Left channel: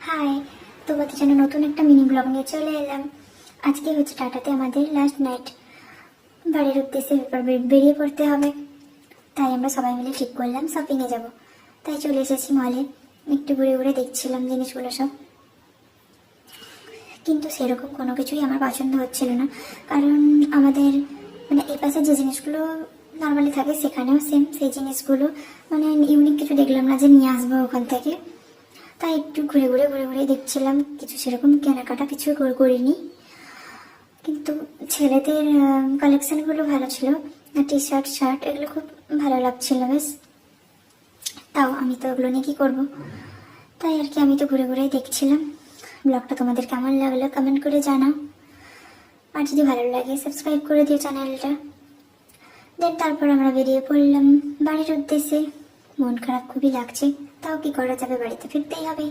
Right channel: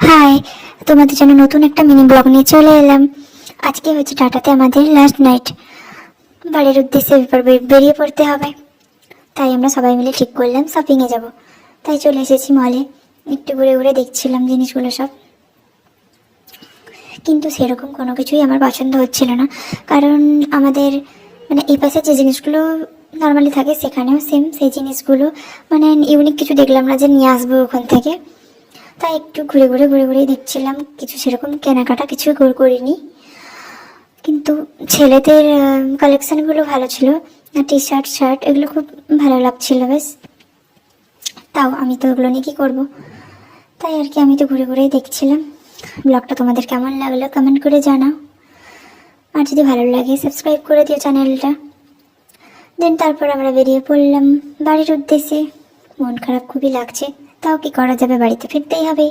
High, তোমাদের জন্য নতুন একটা মিনি ব্লগ নিয়ে চলে এলাম। আজকে হচ্ছে টাটাতে আমাদের লাস্ট নাইট। বাড়ির উদ্দেশ্যে বেরিয়ে পড়তে হবে, তাই আমরা সবাই মিলে ঠিক করলাম শপিংয়ে যাব। তাই চলে এসেছি মলে। একটু ঘুরে ঘুরে দেখছিলাম জিনিসগুলো সব, কিন্তু সেরকম কোনো কিছুই আমার পছন্দ হচ্ছিল না। কারণ আমাদের মানে এই পাশে যে জিনিসগুলো নর্মালি থাকে সেখানেও সেম সেই জিনিসগুলো, মানে ইউনিক কিছু দেখলাম না যে নিয়ে আসবো ওখান থেকে। তাই একটু ঘুরে ঘুরে দেখছিলাম, কিছু সেরকম কেনাকাটা কিছু করিনি। কিন্তু ছেলেদের কালেকশানগুলো ভালো ছিল, টি শার্ট শার্ট এগুলো খুব ভালো লাগছিল বেশ। তাও আমি তো ওগুলো নিয়ে কী করবো, তাই আর কি আমি তো ঘুরে ঘুরেই দেখছিলাম। ব্লগটা তোমাদের কেমন লাগলো কমেন্ট করে জানাও, আর যদি ভালো লাগে সাবস্ক্রাইব করে দিও চ্যানেলটা। দেন তারপর আমরা বেরিয়ে পড়লাম বাড়ির উদ্দেশ্যে। মন খারাপ খুবই লাগছে, তাও কি করা যাবে, বাড়িতে ফিরতেই হবে।